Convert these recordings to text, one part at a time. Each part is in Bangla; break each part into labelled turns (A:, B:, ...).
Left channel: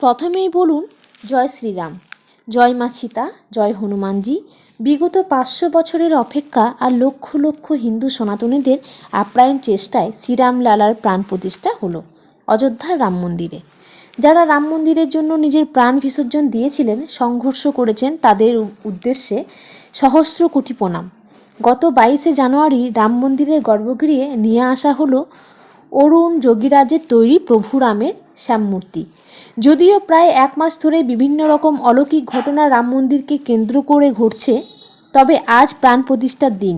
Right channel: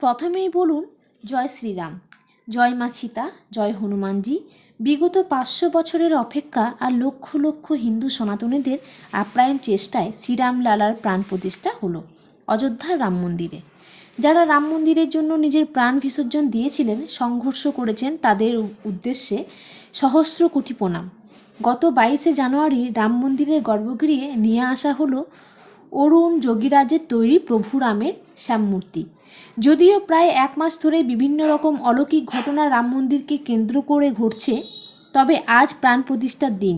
A: প্রথমেই বলুন, জয় শ্রীরাম। জয় মা সীতা, জয় হনুমানজি। বিগত পাঁচশো বছরের অপেক্ষা আর লক্ষ লক্ষ হিন্দু সনাতনীদের আপ্রায়ণ চেষ্টায় শ্রীরাম লালার প্রাণ প্রতিষ্ঠা হলো অযোধ্যার রাম মন্দিরে। যারা রাম মন্দিরের জন্য নিজের প্রাণ বিসর্জন দিয়েছিলেন, সংঘর্ষ করেছেন তাদের উদ্দেশ্যে সহস্র কোটি প্রণাম। গত বাইশে জানুয়ারি রাম মন্দিরের গর্ভগৃহে নিয়ে আসা হলো অরুণ যোগীরাজের তৈরি প্রভু রামের শ্যামমূর্তি। যদিও প্রায় এক মাস ধরে বিভিন্ন রকম অলৌকিক ঘটনা রাম মন্দিরকে কেন্দ্র করে ঘটছে, তবে আজ প্রাণ প্রতিষ্ঠার দিন।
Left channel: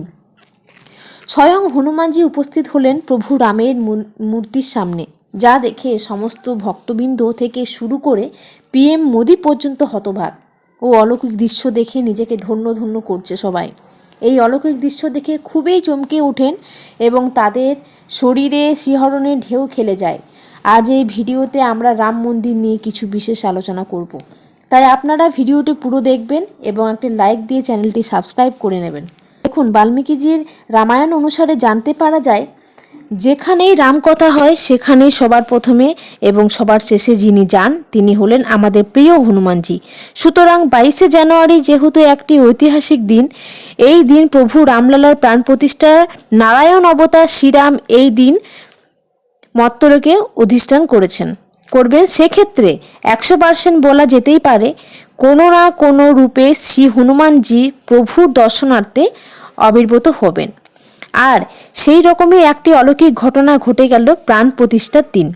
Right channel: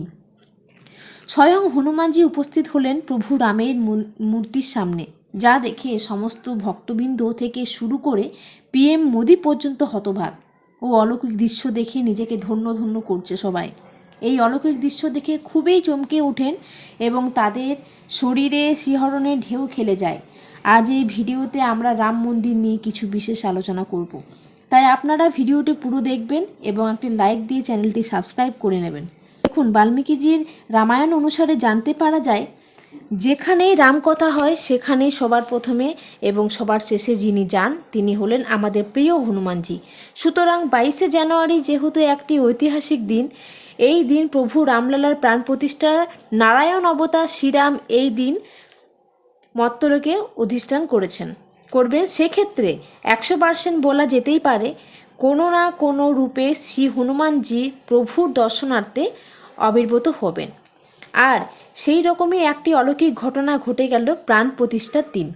A: স্বয়ং হনুমানজি উপস্থিত হলেন প্রভু রামের মূর্তির সামনে, যা দেখে সমস্ত ভক্তবৃন্দ থেকে শুরু করে পিএম মোদি পর্যন্ত হতভাগ ও অলৌকিক দৃশ্য দেখে নিজেকে ধন্য ধন্য করছে সবাই। এই অলৌকিক দৃশ্য দেখে খুবই চমকে ওঠেন এবং তাদের শরীরে শিহরণের ঢেউ খেলে যায়। আজ এই ভিডিওতে আমরা রাম মন্দির নিয়ে কিছু বিশেষ আলোচনা করব। তাই আপনারা ভিডিওটি পুরো দেখবেন এবং একটি লাইক দিয়ে চ্যানেলটি সাবস্ক্রাইব করে নেবেন। দেখুন, বাল্মীকিজির রামায়ণ অনুসারে জানতে পারা যায়, যেখানেই রামকথা হয়, সেখানেই সবার প্রথমে এবং সবার শেষে যিনি যান, তিনি হলেন আমাদের প্রিয় হনুমানজি। সুতরাং বাইশে জানুয়ারি যেহেতু একটি ঐতিহাসিক দিন, এই দিন প্রভু রামলালার প্রাণ প্রতিষ্ঠা নারায়ণ অবতার শ্রীরাম এই দিন মত্তলোকে অধিষ্ঠান করেছেন। করবেন সেক্ষেত্রে একশো পার্সেন্ট বলা যেতেই পারে, কোনো না কোনো রূপে শ্রী হনুমানজি প্রভুর দর্শনার্থে আবির্ভূত হবেন। আর সেই রকমই একটি অলৌকিক ঘটনা ঘটে গেল প্রাণ প্রতিষ্ঠার দিন।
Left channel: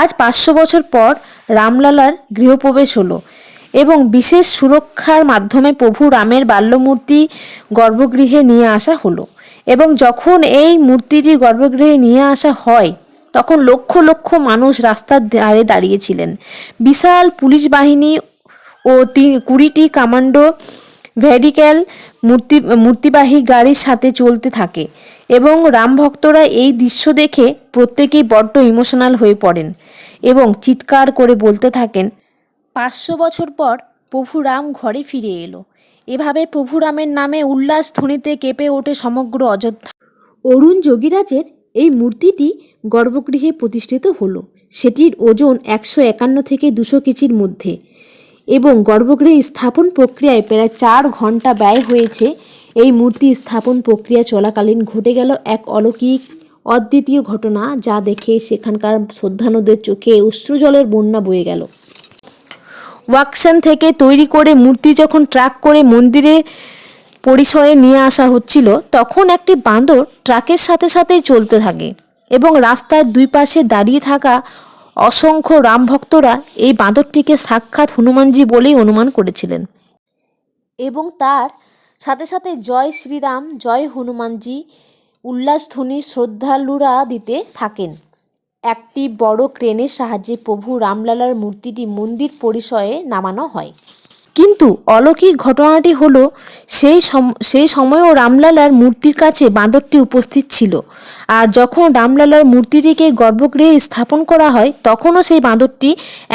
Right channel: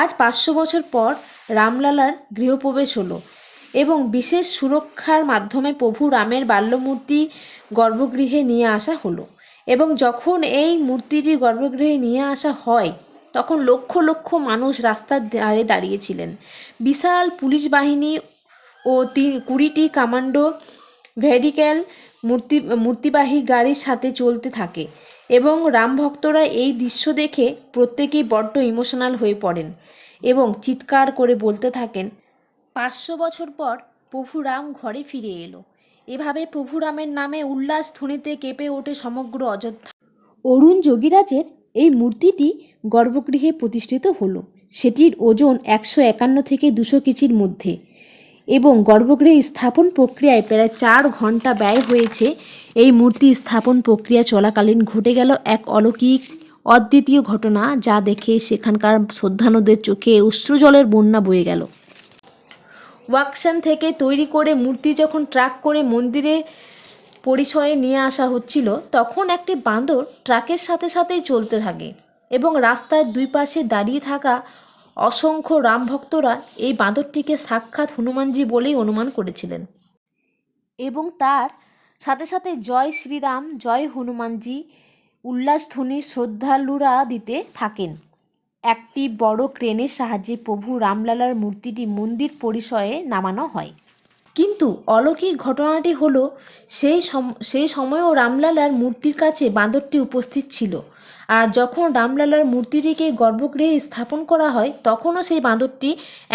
A: আজ পাঁচশো বছর পর রামলালার গৃহপ্রবেশ হলো এবং বিশেষ সুরক্ষার মাধ্যমে প্রভু রামের বাল্যমূর্তি গর্ভগৃহে নিয়ে আসা হলো। এবং যখন এই মূর্তিটি গর্ভগৃহে নিয়ে আসা হয় তখন লক্ষ লক্ষ মানুষ রাস্তার ধারে দাঁড়িয়েছিলেন। বিশাল পুলিশ বাহিনী ও তিন কুড়িটি কমান্ডো ভেহিক্যাল মূর্তি, মূর্তিবাহী গাড়ির সাথে চলতে থাকে এবং রাম ভক্তরা এই দৃশ্য দেখে প্রত্যেকেই বড্ড ইমোশনাল হয়ে পড়েন এবং চিৎকার করে বলতে থাকেন, পাঁচশো বছর পর প্রভু রাম ঘরে ফিরে এলো। এভাবে প্রভু রামের নামে উল্লাস ধ্বনিতে কেঁপে ওঠে সমগ্র অযোধ্যা। অরুণ যোগীরাজের এই মূর্তিটি গর্ভগৃহে প্রতিষ্ঠিত হলো। সেটির ওজন একশো একান্ন থেকে দুশো কেজির মধ্যে এবং গর্ভগৃহে স্থাপন প্রক্রিয়ায় প্রায় চার ঘণ্টা ব্যয় হয়েছে। এই মূর্তি স্থাপন প্রক্রিয়া চলাকালীন ঘটে গেল এক অলৌকিক, অদ্বিতীয় ঘটনা যা দেখে সেখানকার শ্রদ্ধানুদের চোখে অশ্রুজলের বন্যা বয়ে গেল। ওয়াকশন থেকে তৈরি করে মূর্তি যখন ট্রাক করে মন্দিরে পরিসরে নিয়ে আসা হচ্ছিল, তখন একটি বাঁদর ট্রাকের সাথে সাথেই চলতে থাকে এবং রাস্তার দুই পাশে দাঁড়িয়ে থাকা অসংখ্য রাম ভক্তরা এই বাঁদরটিকে সাক্ষাৎ হনুমানজি বলেই অনুমান করেছিলেন। এবং তার সাথে সাথে জয় শ্রীরাম, জয় হনুমানজি উল্লাসধ্বনি শ্রদ্ধালুরা দিতে থাকেন। একটি বড় ক্রেনের সাহায্যে প্রভু রামলালার মূর্তিটি মন্দির পরিসরে নামানো হয়। কিন্তু অলৌকিক ঘটনাটি হলো সেই সেই সময়ও রামলালার মূর্তির কাছে বাঁদরটি উপস্থিত ছিল। আর যখন রামলালার মূর্তিটিকে গর্ভগৃহে স্থাপন করা হয়, তখনও সেই বাঁদরটি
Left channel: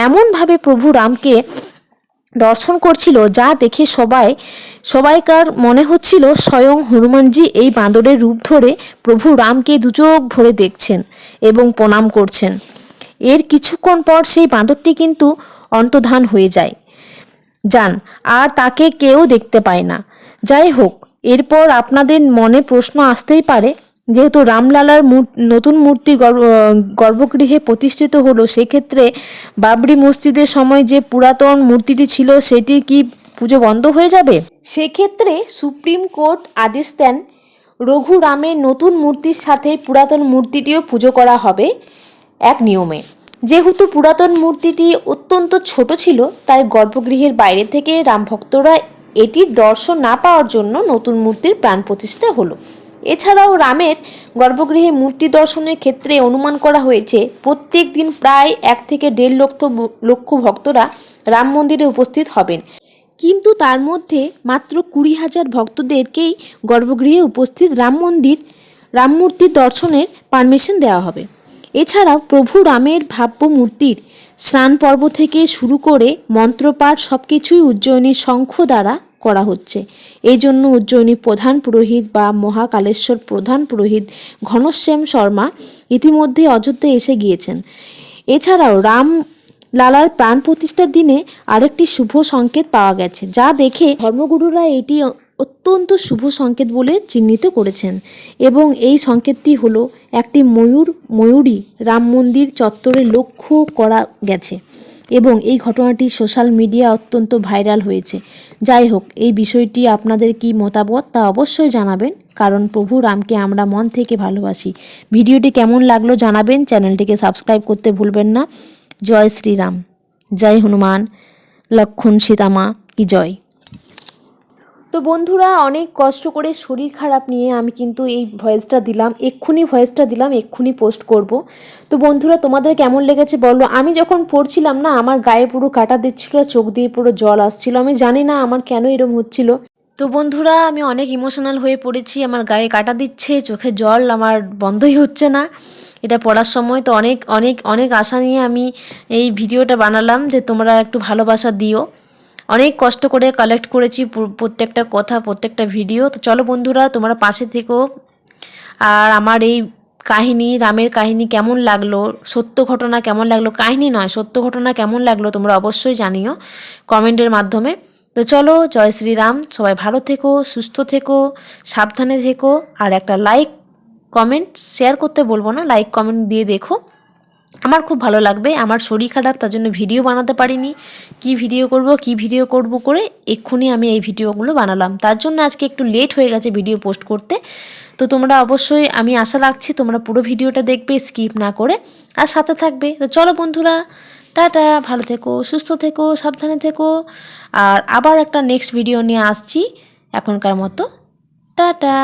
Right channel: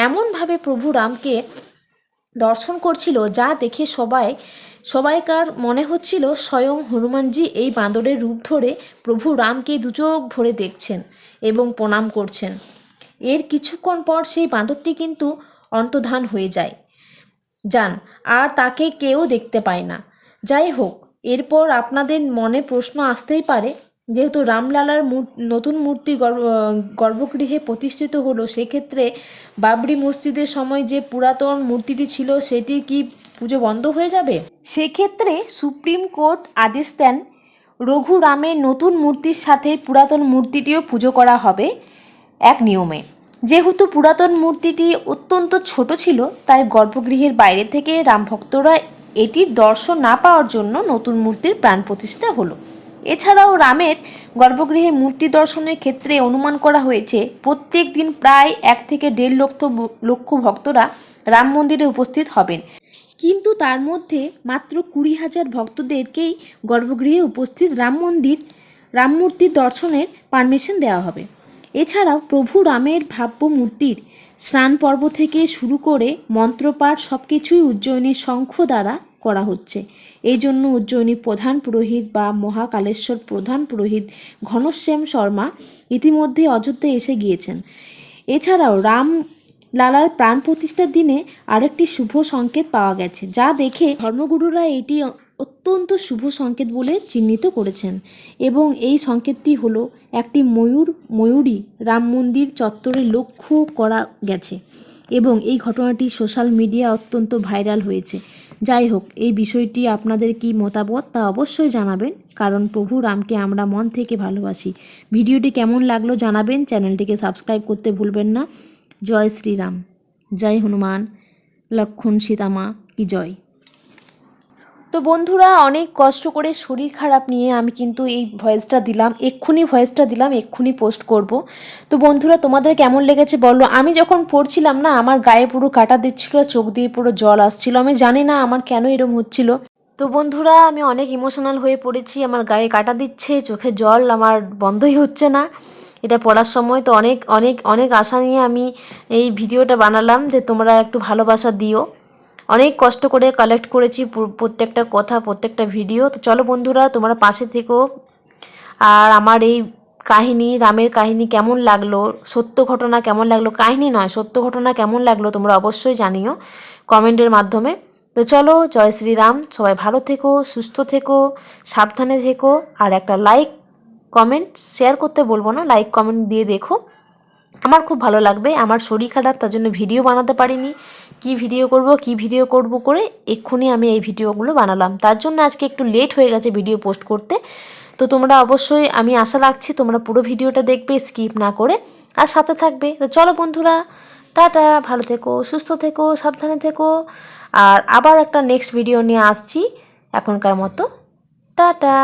A: এমনভাবে প্রভু রামকে দর্শন করছিল যা দেখে সবাই, সবাইকার মনে হচ্ছিল স্বয়ং হনুমানজি এই বাঁদরের রূপ ধরে প্রভু রামকে দুচোখ ভরে দেখছেন এবং প্রণাম করছেন। এর কিছুক্ষণ পর সেই বাঁদরটি কিন্তু অন্তর্ধান হয়ে যায়। যান, আর তাকে কেউ দেখতে পায় না। যাই হোক, এরপর আপনাদের মনে প্রশ্ন আসতেই পারে, যেহেতু রামলালার নতুন মূর্তি গর্ভ- গর্ভগৃহে প্রতিষ্ঠিত হলো, সেক্ষেত্রে বাবরি মসজিদের সময় যে পুরাতন মূর্তিটি ছিল, সেটি কি পুজো বন্ধ হয়ে যাবে? সেক্ষেত্রে সুপ্রিম কোর্ট আদেশ দেন রঘু রামের নতুন মূর্তির সাথে পুরাতন মূর্তিটিও পুজো করা হবে, এক নিয়মে। যেহেতু পুরাতন মূর্তিটি অত্যন্ত ছোট ছিল, তাই গর্ভগৃহের বাইরে থেকে রামভক্তরা এটির দর্শন না পাওয়ার জন্য নতুন মূর্তির প্রাণ প্রতিষ্ঠা হলো। এছাড়াও রামের গর্ভগৃহে মূর্তি দর্শনের ক্ষেত্রে অনুমান করা হয়েছে, প্রত্যেক দিন প্রায় এক থেকে দেড় লক্ষ লক্ষ ভক্তরা রাম মন্দিরে উপস্থিত হবেন। কিন্তু তার মধ্যে মাত্র কুড়ি হাজার ভক্তদেরকেই গর্ভগৃহে উপস্থিত রাম মন্দির, রাম মূর্তির দর্শনের পারমিশন দেওয়া হবে। এছাড়াও প্রভু রামের ভাব্য মূর্তির স্নান পর্ব থেকে শুরু করে মন্ত্রপাঠ সব কিছুই উজ্জয়িনীর শঙ্খ দ্বারা করা হচ্ছে। এই জন্য উজ্জয়িনী প্রধান পুরোহিত বা মহাকালেশ্বর প্রধান পুরোহিত ঘনশ্যাম শর্মা ইতিমধ্যে অযোধ্যা এসে গিয়েছেন। এছাড়াও রাম লালার প্রাণ প্রতিষ্ঠার দিনে আরেকটি শুভ সংকেত পাওয়া গেছে, যা দেখে ধর্মগুরুরা এটি অত্যন্ত শুভ সংকেত বলে চিহ্নিত করেছেন এবং এই সংকেতটি হল একটি ময়ূর, ময়ূরী রাম মন্দির চত্বরে লক্ষ্য করা গেছে এবং এই ঘটনাটি সোশ্যাল মিডিয়া অত্যন্ত ভাইরাল হয়েছে। যাই হোক, এই বিষয়টি আপনাদের কি মতামত তা অবশ্যই জানাবেন, কারণ প্রভু রামকে আমরা মন থেকে ভালোবাসি। ভিডিওটি কেমন লাগল জানাবেন, চ্যানেলটিকে সাবস্ক্রাইব করতে ভুলবেন না। জয় শ্রীরাম। জয় হনুমান। লক্ষণ সীতামা, কি জয়। তো বন্ধুরা, অনেক কষ্ট করে শরীর খারাপ নিয়ে আমি কিন্তু এই ভয়েসটা দিলাম, এক্ষুনি ভয়েসটা দিলাম, এক্ষুনি পোস্ট করব। তো বন্ধুরা, তোমাদের কেমন লেগেছে বলো? আমি যখন পড়ছিলাম না, আমার গায়ে পুরো কাটা দিচ্ছিল, চোখ দিয়ে পুরো জল আসছিল। আমি জানি না আমার কেন এরম হচ্ছিল। তো বন্ধুরা, আমি অনেক ইমোশনাল হয়ে পড়েছি, আমার গায়ে কাটা দিচ্ছে, চোখে জল আমার বন্ধই হচ্ছে না। এটা পড়ার সময় তো অনেক অনেক অনেক আশা নিয়ে আমি এই ভিডিওটা বানালাম, যে তোমরা একটু ভালোবাসা দিও। অনেক কষ্ট করে কালেক্ট করেছি প্রত্যেকটা কথা, প্রত্যেকটা ভিডিও তো চলো বন্ধুরা, তোমরা পাশে থেকো। আর আমার এই কাহিনী, রামের কাহিনী কেমন লাগল? সত্য ঘটনা কেমন লাগল? কাহিনী নয়, সত্য ঘটনা কেমন লাগল তোমরা অবশ্যই জানিও কমেন্টের মাধ্যমে। তো চলো, জয় শ্রীরাম। সবাই ভালো থেকো, সুস্থ থেকো, সাবধানে থেকো। আর একটা লাইক কমেন্ট শেয়ার করতে বলব না লাইক কমেন্ট দিয়ে দেখো। আমার খুব ভালো লাগবে। আমার শরীর খারাপ, তার জন্য ভিডিও বানাতে পারিনি। কি ভিডিও করব, কি ভিডিও করব করে এক্ষুনি আমি এই ভিডিওগুলো বানালাম। তার জন্য আজকে একটু লেট হয়ে গেছে ভিডিও পোস্ট করতে। তো তোমরা অবশ্যই, আমি আশা রাখছি তোমরা পুরো ভিডিওটা দেখবে স্কিপ না করে। আর সাথে থাকবে। তো চলো বন্ধুরা, টাটা, ভালো থেকো, সুস্থ থেকো, সাবধানে থেকো। আর আবার একটা নেক্সট ভিডিও নিয়ে আসছি এখনকার মতো। টাটা!